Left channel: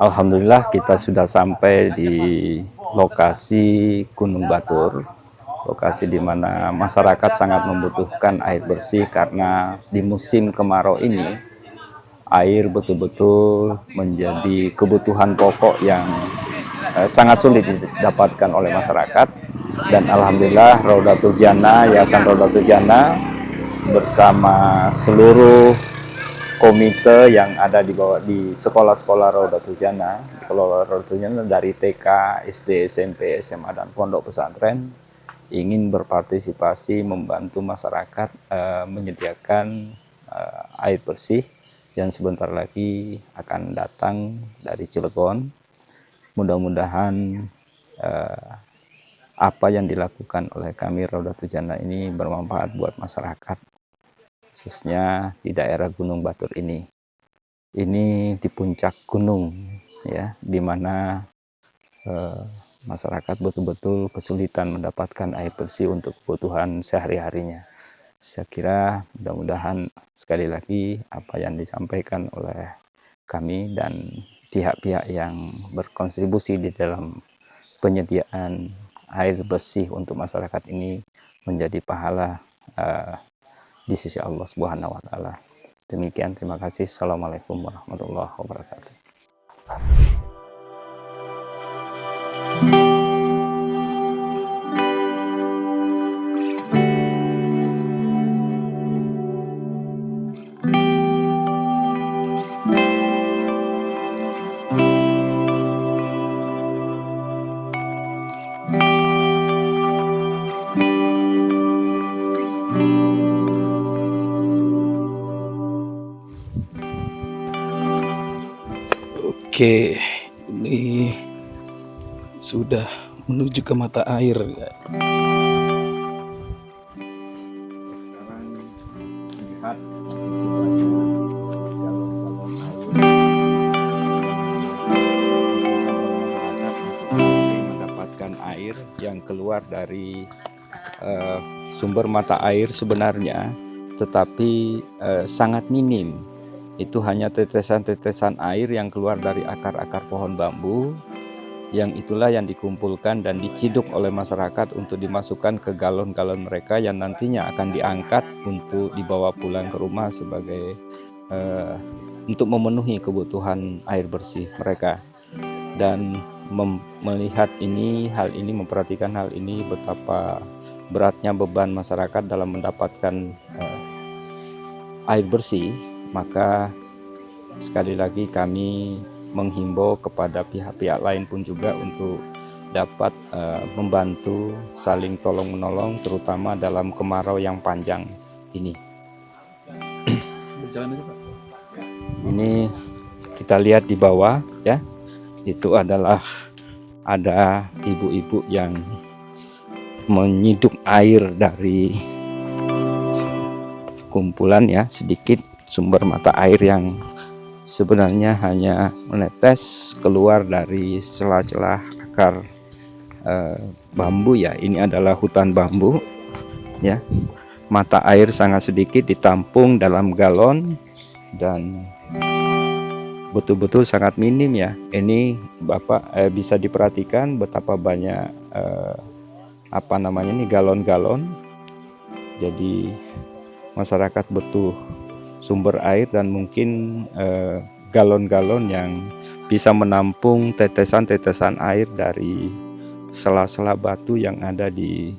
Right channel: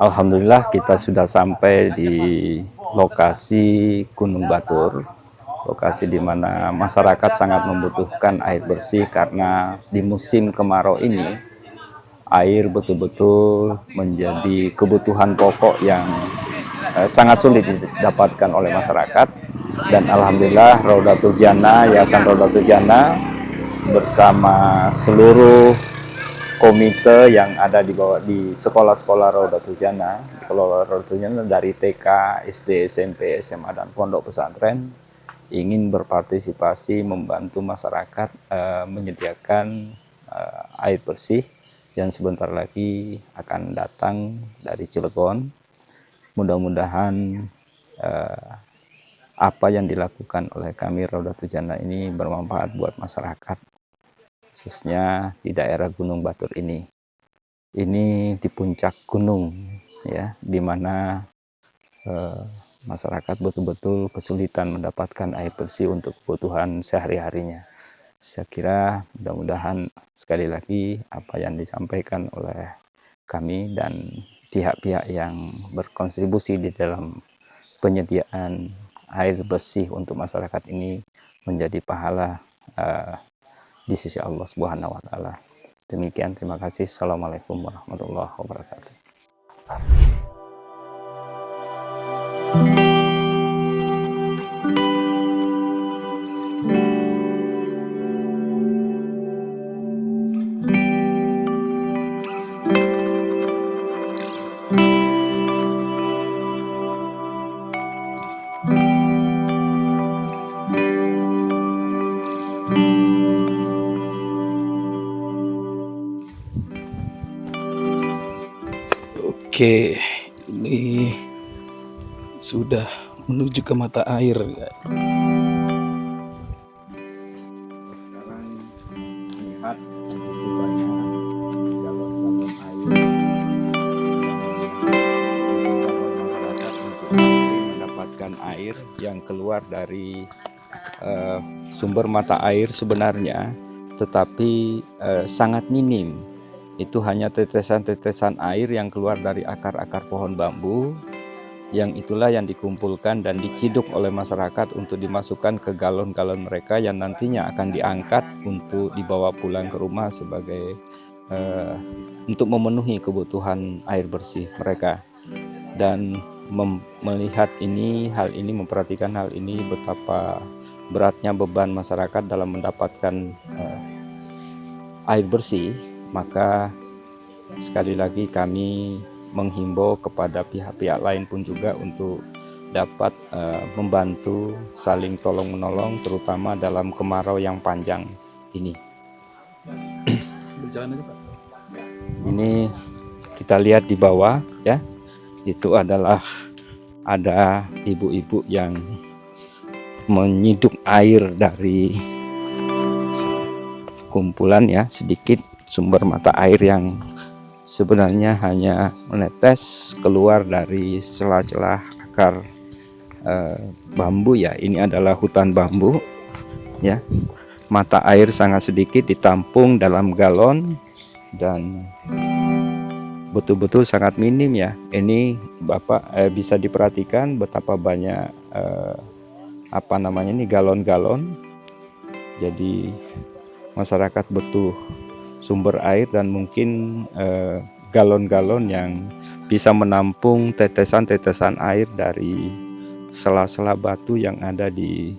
Alhamdulillah kita sudah sampai di lokasi Gunung Batur, lokasi di mana masyarakat sangat membutuhkan air bersih karena di musim kemarau ini air betul-betul menjadi kebutuhan pokok yang sangat sulit didapatkan oleh masyarakat. Dan alhamdulillah Raudatul Jannah, Yayasan Raudatul Jannah bersama seluruh komite yang ada di bawah di sekolah-sekolah Raudatul Jannah, sekolah Raudatul Jannah dari TK, SD, SMP, SMA dan pondok pesantren ingin berpartisipasi membantu masyarakat menyediakan air bersih yang sebentar lagi akan datang dari Cilegon. Mudah-mudahan apa yang dilakukan oleh kami Raudatul Jannah ini bermanfaat buat masyarakat, khususnya di daerah Gunung Batur ini. Ini di puncak gunung, ya, di mana masyarakat betul-betul kesulitan mendapatkan air bersih untuk kebutuhan sehari-harinya. Saya kira mudah-mudahan sekali lagi apa yang disampaikan oleh kami dan pihak-pihak yang berkontribusi di dalam penyediaan air bersih untuk masyarakat ini menjadi pahala di sisi Allah Subhanahu wa taala. Demikian, terima kasih. Assalamualaikum warahmatullahi wabarakatuh. Oke, ini sudah menuju ke mata air ya. Sekarang lihat begitu banyak galon-galon air disimpan oleh masyarakat untuk nanti mendapatkan air yang keluar dari sumber mata air sebenarnya, tetapi sangat minim. Itu hanya tetesan-tetesan air yang keluar dari akar-akar pohon bambu, yang itulah yang dikumpulkan dan diciduk oleh masyarakat untuk dimasukkan ke galon-galon mereka yang nantinya akan diangkat untuk dibawa pulang ke rumah sebagai untuk memenuhi kebutuhan air bersih mereka. Dan melihat hal ini, memperhatikan hal ini, betapa beratnya beban masyarakat dalam mendapatkan air bersih, maka sekali lagi kami menghimbau kepada pihak-pihak lain pun juga untuk dapat membantu saling tolong-menolong, terutama dalam kemarau yang panjang ini. Berjalan aja Pak. Ini kita lihat di bawah, ya, itu adalah ada ibu-ibu yang menyiduk air dari kumpulan, ya, sedikit sumber mata air yang sebenarnya hanya menetes keluar dari celah-celah akar bambu, ya. Ini adalah hutan bambu, ya. Mata air sangat sedikit ditampung dalam galon dan betul-betul sangat minim, ya. Ini Bapak bisa diperhatikan betapa banyak galon-galon. Jadi masyarakat butuh sumber air dan mungkin galon-galon yang bisa menampung tetesan-tetesan air dari sela-sela batu yang ada di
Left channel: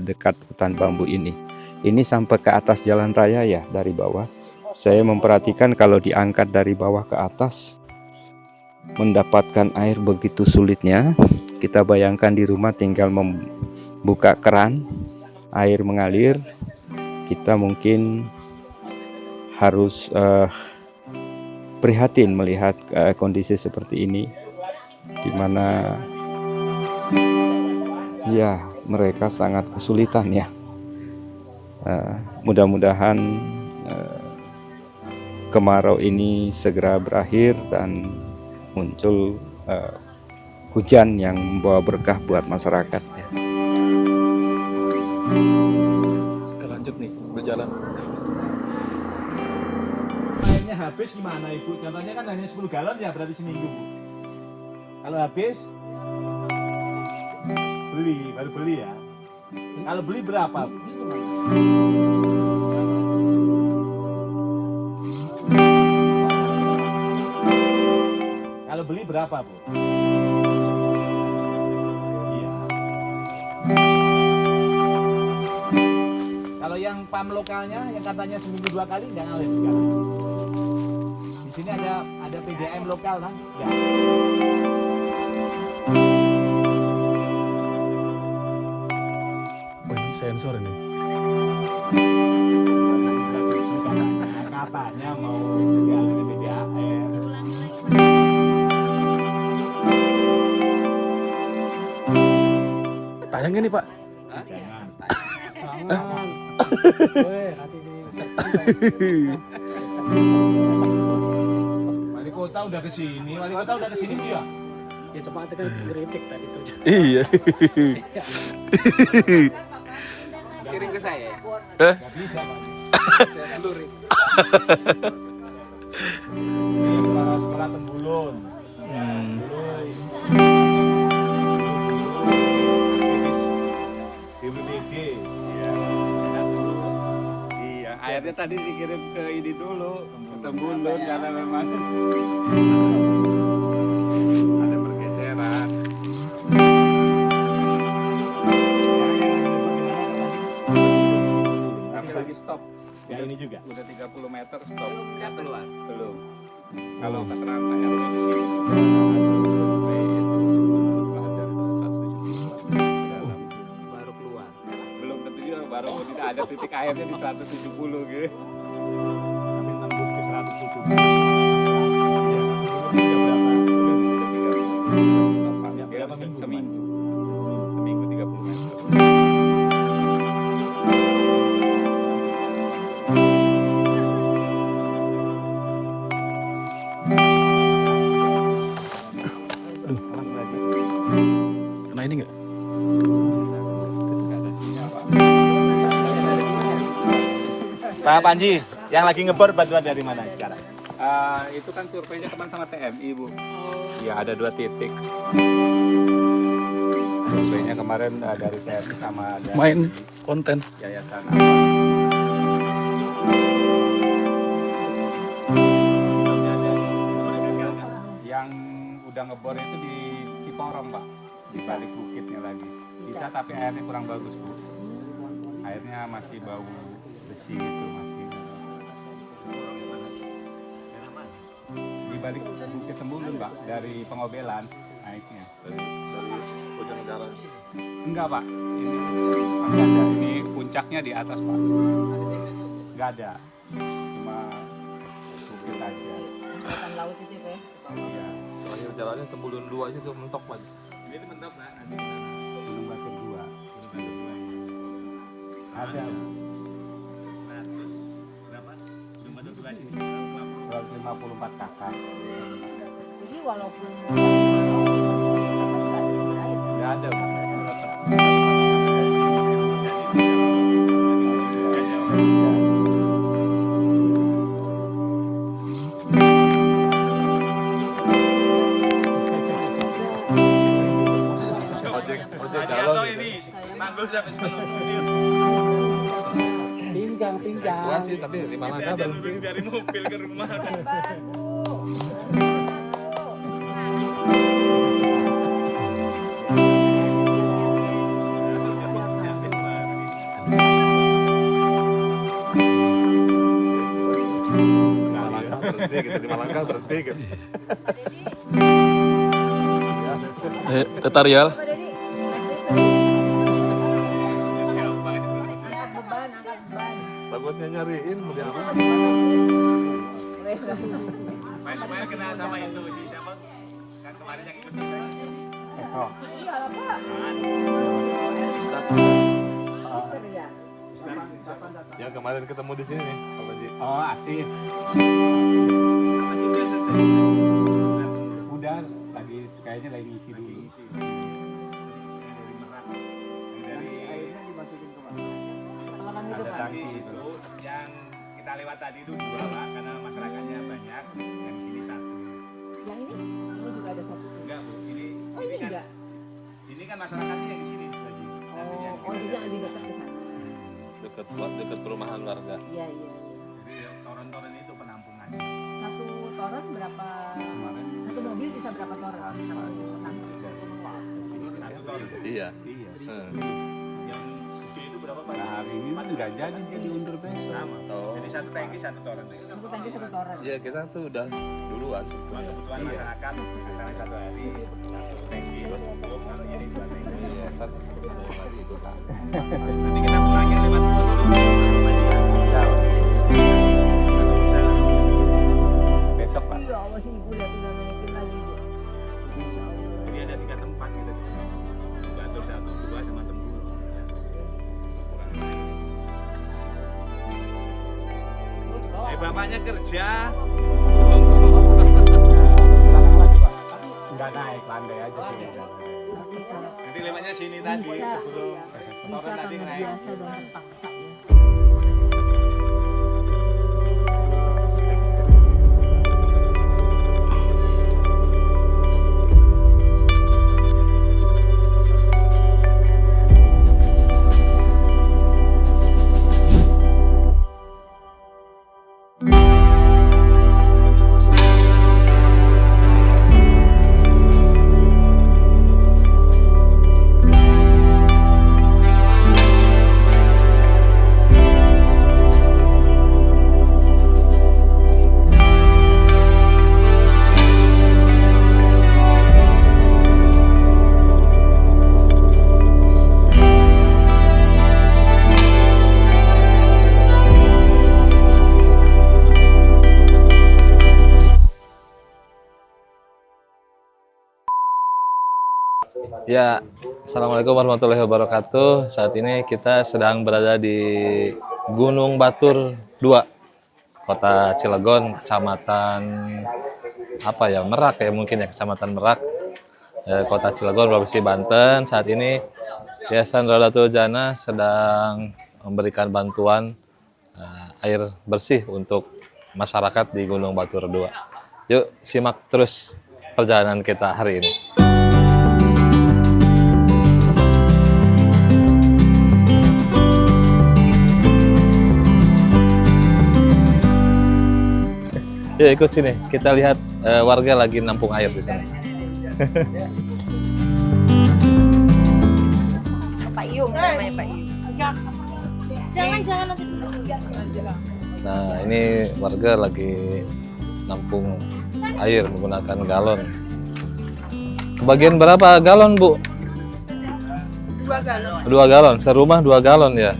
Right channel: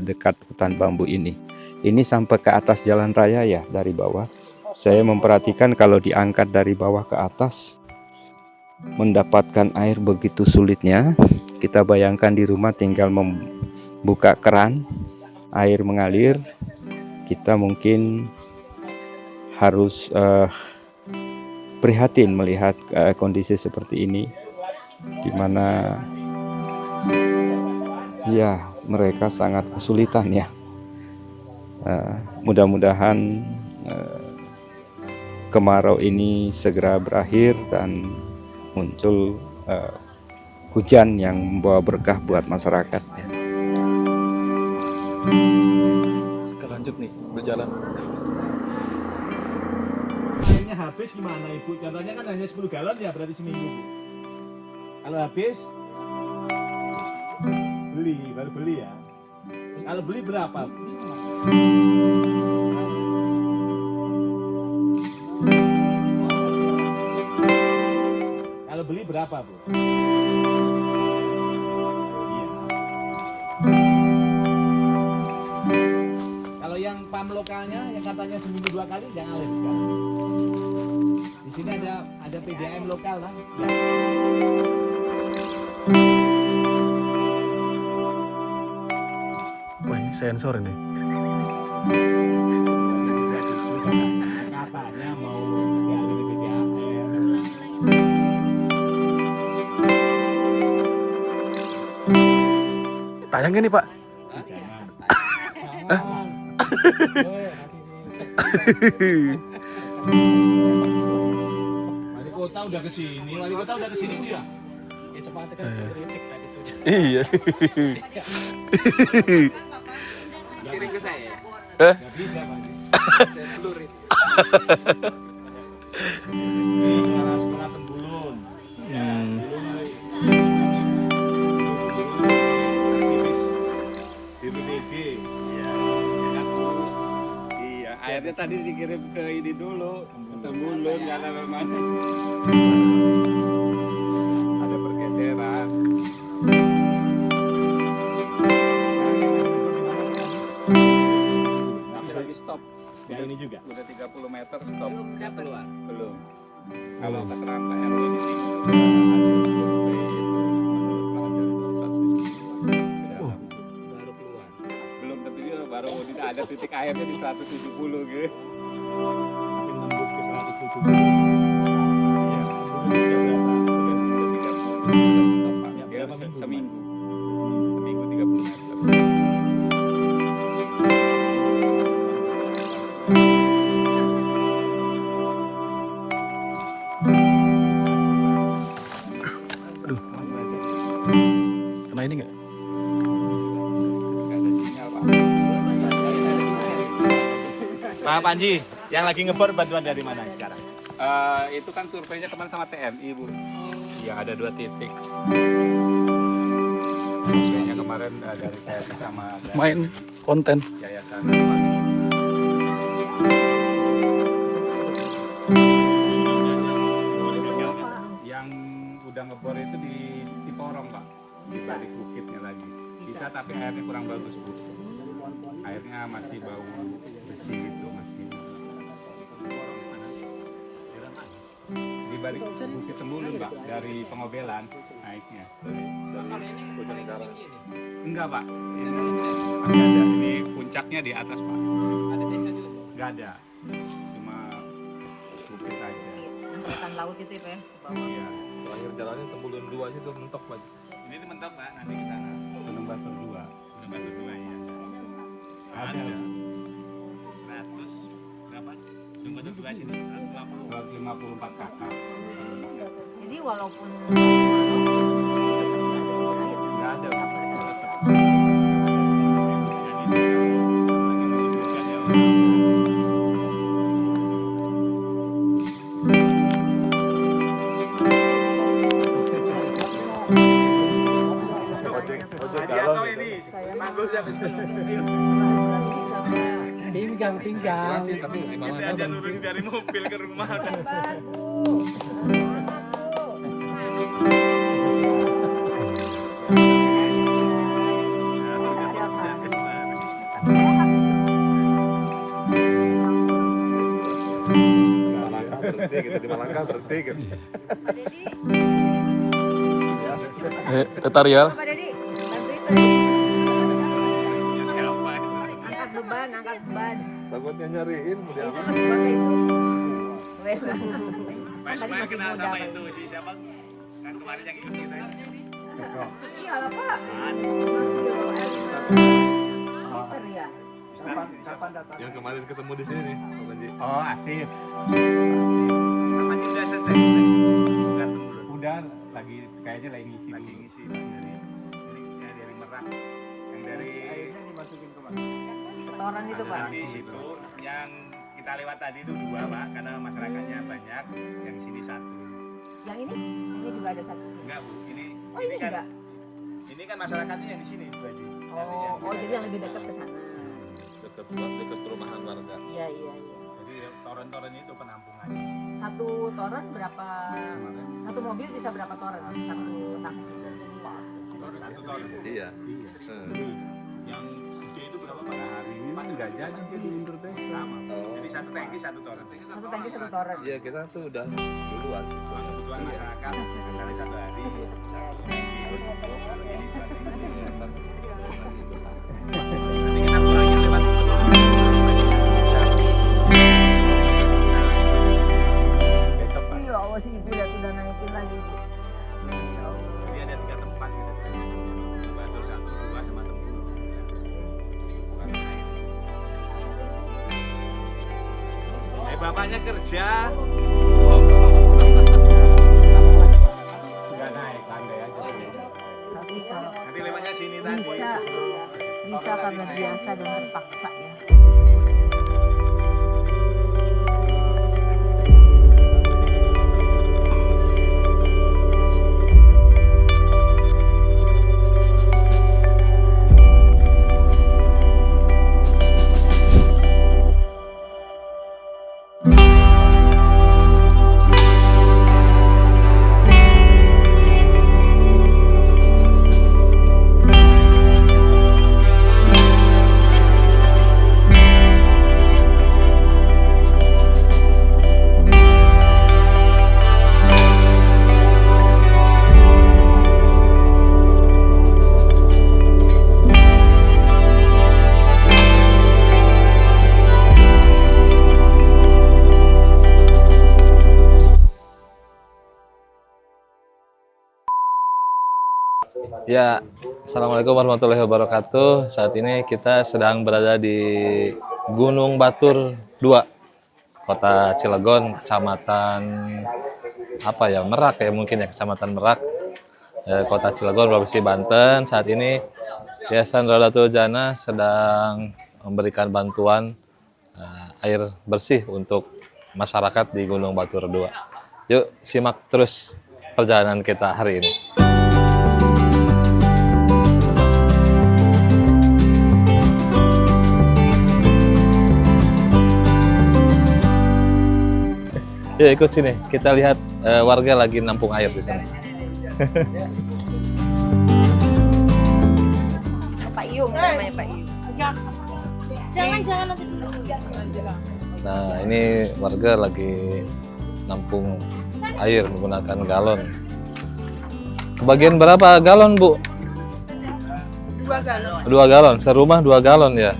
dekat hutan bambu ini. Ini sampai ke atas jalan raya, ya, dari bawah. Saya memperhatikan kalau diangkat dari bawah ke atas, mendapatkan air begitu sulitnya. Kita bayangkan di rumah tinggal membuka keran, air mengalir. Kita mungkin harus prihatin melihat kondisi seperti ini, di mana ya mereka sangat kesulitan, ya. Mudah-mudahan kemarau ini segera berakhir dan muncul hujan yang membawa berkah buat masyarakat, ya. Kita lanjut nih berjalan. Airnya habis gimana Ibu? Contohnya kan hanya 10 galon ya berarti seminggu Bu. Kalau habis beli, baru beli ya. Kalau beli berapa? Kalau beli berapa, Bu? Iya. Kalau yang pam lokalnya, yang katanya seminggu 2 kali, nggak ngalir sekarang. Di sini ada PDAM lokal kan? Ya. Wah, ini sensor ini. 2027 katanya mau dialirin PDAM. Tayangnya nih, Pak. Jangan. Wali kota udah kesini, ya? Ya cepat kan kritik tadi tuh. Iya. Kirim ke saya. Gak bisa, Bang. Ini sekolah Tembulun. Ya, dulu aktivis BPBD. Iya, iya, airnya tadi dikirim ke ini dulu, ke Tembulun karena memang ada pergeseran. Tapi lagi stop. Ya ini juga. Udah 30 meter stop. Udah keluar. Belum. Kalau keterangan Pak RW di sini udah hasil survei itu menurut radar itu 170-an ke dalam. Baru keluar. Belum tentu juga baru tidak ada titik airnya di 170 gitu. Tapi tembus ke 170. Iya, Tembulun itu udah berapa? Udah 30. Udah lagi stop Pak. Ya, Dia berapa minggu, seminggu. Seminggu 30 meter. Kena ini nggak? Nggak ada sinyal Pak. Pak Panji, yang lagi ngebor bantuan dari mana sekarang? Itu kan surveinya kemarin sama TNI Bu. Iya ada 2 titik. Surveinya kemarin dari TNI sama dari Main konten. yayasan. Yang udah ngebor itu di Ciporong Pak. Di balik bukitnya lagi. Bisa tapi airnya kurang bagus Bu. Airnya masih bau besi gitu masih. Di balik bukit Tembulun Pak dari Pengobelan naiknya. Enggak Pak. Ini ada di puncaknya di atas Pak. Ada desa juga. Enggak ada. Cuma bukit aja. Angkatan laut itu ya, ke bawah. Iya. Jalannya Tembulun 2 aja tuh mentok, Pak. Ini mentok Pak, nanti kita Gunung Batur 2. Gunung Batur 2 ya. Ada. 100 berapa? Gunung Batur 2 sini 150. 254 kakak. Jadi walaupun kemarau, tetap nggak ada sumber air. Enggak ada. Ojek galon ini. Saya Manggul sampai sekarang. Pinggang. Kuat sih, tapi 5 langkah berhenti. Dari mobil ke rumah. Berhenti gitu, 5 langkah berhenti gitu. Pak Dedi, Tetarial. Pak Dedi, angkat beban, angkat beban. Takutnya nyariin. Bisa masuk pakai sih. Mas Tadi masih kenal muda sama kali. itu si siapa? Kan kemarin yang ikut kita. Iya lah Pak. Pinter ya. Kapan datang? Yang kemarin ketemu di sini, Pak Panji. Oh, Asif. Asif. Kapan udah selesai? Bukan dulu. Udah lagi kayaknya lagi ngisi Lagi dulu. ngisi. Yang dari Merak, yang dari Airnya dimasukin ke mana? Orang itu Pak. di situ yang kita lewat tadi itu 2 Pak, karena masyarakatnya banyak. Yang sini 1. Yang ini juga ada satu. Enggak Bu, ini Oh, ini kan enggak. ini kan masyarakatnya yang di sini Bu Haji. Nanti yang Oh, dia lebih dekat ke sana. Deket perumahan warga. Iya, iya. Jadi toren-toren itu penampungan. Satu toren berapa? Satu mobil bisa berapa toren? Satu tangki. Satu toren. Iya. Yang gede itu berapa Pak? Hari ini nggak jadi dia mundur besok. Sama. Jadi satu tangki satu toren. Satu tangki satu toren. Iya kita tuh udah duluan. Cuma kebutuhan masyarakat misalnya satu hari satu tangki cukup kalau ini dua tangki. Iya, satu. Nanti kita kurangin lewat besok Pak. Iya, Allah sih Ibu lihat udah naikin lagi Bu. Masya Allah. Jadi ada 3 tempat gitu. Batur 1, 2 sama Tempur. Bapaknya kerja. Enggak naik, landai aja. Tapi kalau Nanti lewatnya sini tadi Bisa. sebelum bisa toren tadi karena naik. biasa dan terpaksa ya. Ya, Assalamualaikum warahmatullahi wabarakatuh. Saat ini kita sedang berada di Gunung Batur 2, Kota Cilegon, Kecamatan Merak ya mungkin ya, Kecamatan Merak, Kota Cilegon, Provinsi Banten. Saat ini Yayasan Raudatul Jannah sedang memberikan bantuan air bersih untuk masyarakat di Gunung Batur 2. Yuk simak terus perjalanan kita hari ini. Ya ikut sini, kita lihat warga lagi nampung air di sana. Pak Iyung namanya Pak Iyung. Jangan nanti dulu. Nah ini warga lagi nampung air menggunakan galon. Kebagian berapa galon Bu? 2 galon. 2 galon, serumah 2 galon ya?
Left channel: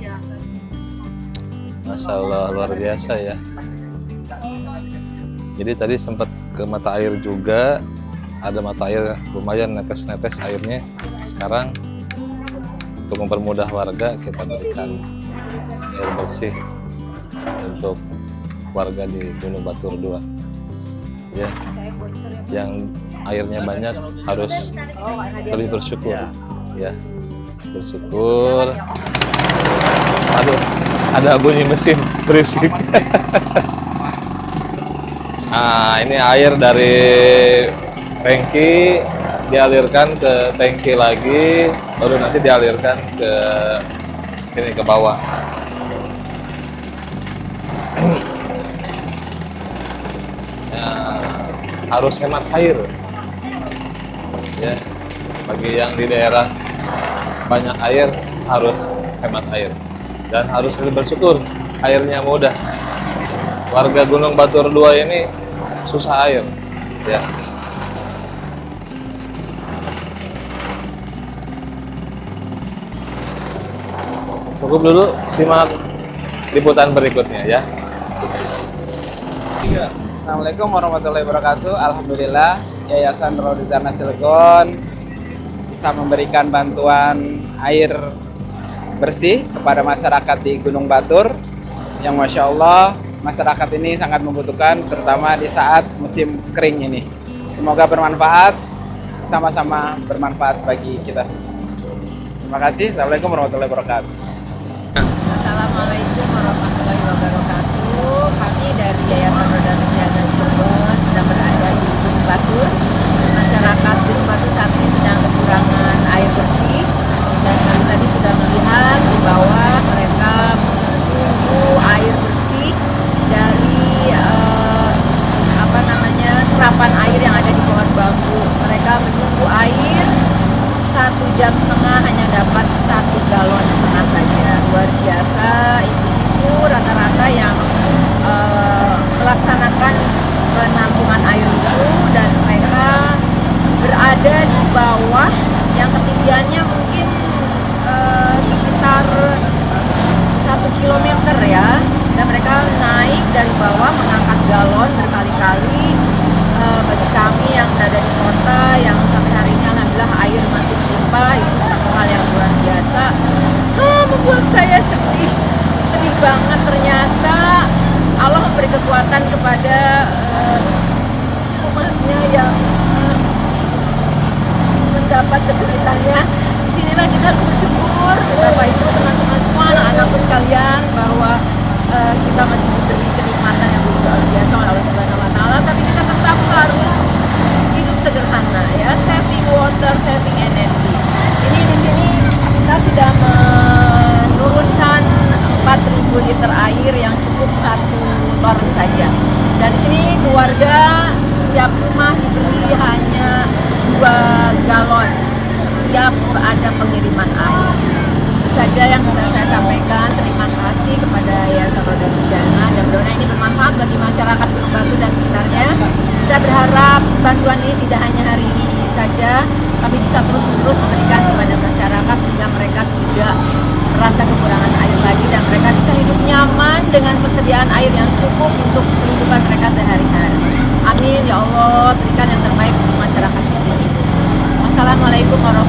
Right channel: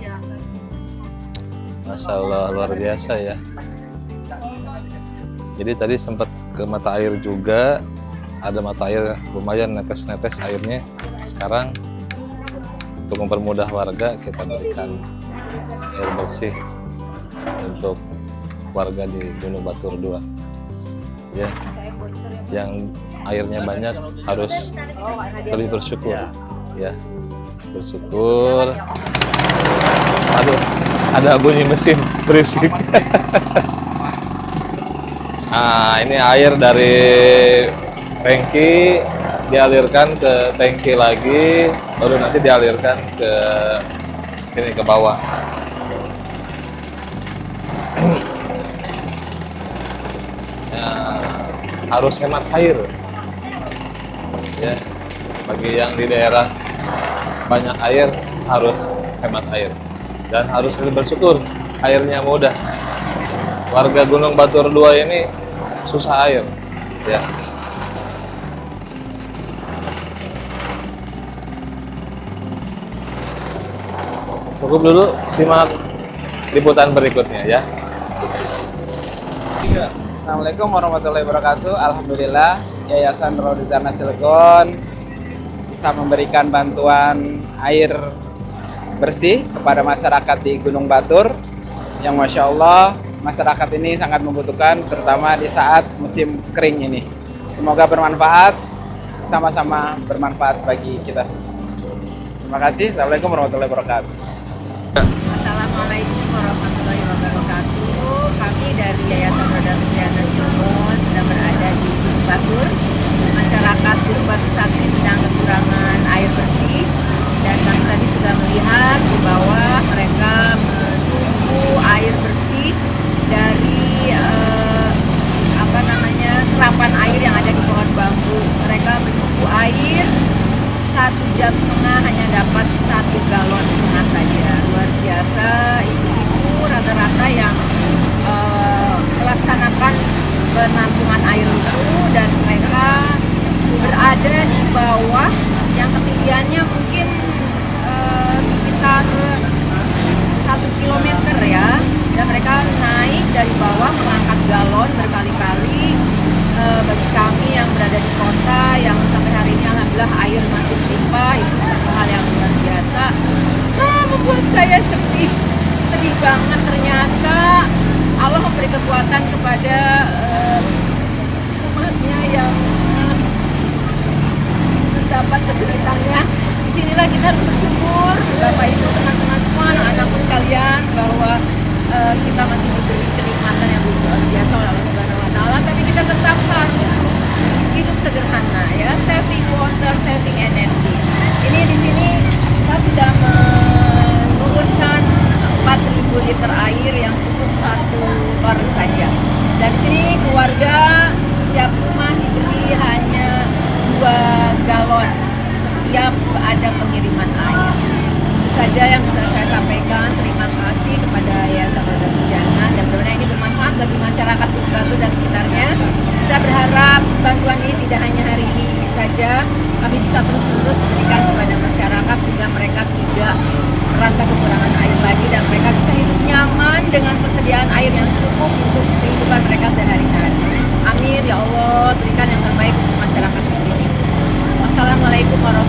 Masya Allah luar biasa ya. Jadi tadi sempat ke mata air juga, ada mata air lumayan netes-netes airnya. Sekarang untuk mempermudah warga kita berikan air bersih untuk warga di Gunung Batur 2. Ya, yang airnya banyak harus lebih bersyukur. Ya, bersyukur. Aduh, ada bunyi mesin berisik. Nah, ini air dari tangki dialirkan ke tangki lagi, baru nanti dialirkan ke sini ke bawah. Ya, harus hemat air. Ya, bagi yang di daerah banyak air harus hemat air dan harus lebih bersyukur airnya mudah. Warga Gunung Batur 2 ini susah air, ya. Cukup dulu, simak liputan berikutnya ya. Assalamualaikum warahmatullahi wabarakatuh. Alhamdulillah Yayasan Raudatul Jannah Cilegon bisa memberikan bantuan air bersih kepada masyarakat di Gunung Batur yang Masya Allah masyarakat ini sangat membutuhkan, terutama di saat musim kering ini. Semoga bermanfaat, sama-sama bermanfaat bagi kita semua. Terima kasih. Assalamualaikum warahmatullahi wabarakatuh. Assalamualaikum warahmatullahi wabarakatuh. Kami dari Yayasan Raudatul Jannah Cilegon sedang berada di Gunung Batur. Masyarakat Gunung Batur saat ini sedang dari bawah mengangkat galon berkali-kali bagi kami yang berada di kota yang sampai hari ini alhamdulillah air masih melimpah, itu satu hal yang luar biasa. Membuat saya sedih banget. Ternyata Allah memberi kekuatan kepada umatnya yang mendapat kesulitannya. Disinilah kita harus bersyukur, Bapak Ibu, teman-teman semua, anak-anakku sekalian, bahwa kita masih diberi kenikmatan yang luar biasa oleh Allah Subhanahu Wa Taala. Tapi kita tetap harus hidup sederhana, ya, saving water, saving energy. Ini di sini kita sudah menurunkan 4.000 liter air yang cukup 1 bareng saja. Dan di sini keluarga setiap rumah diberi hanya 2 galon setiap ada pengiriman air. Itu saja yang bisa saya sampaikan. Terima kasih kepada Yayasan Roda Bencana dan mudah-mudahan ini bermanfaat bagi masyarakat Gunung Batu dan sekitarnya. Saya berharap bantuan ini tidak hanya hari ini saja, tapi bisa terus-menerus diberikan kepada masyarakat sehingga mereka tidak merasa kekurangan air lagi dan mereka bisa hidup nyaman dengan persediaan air yang cukup untuk kehidupan mereka sehari-hari. Amin ya Allah, berikan yang terbaik untuk masyarakat di sini. Wassalamualaikum warahmatullahi wabarakatuh.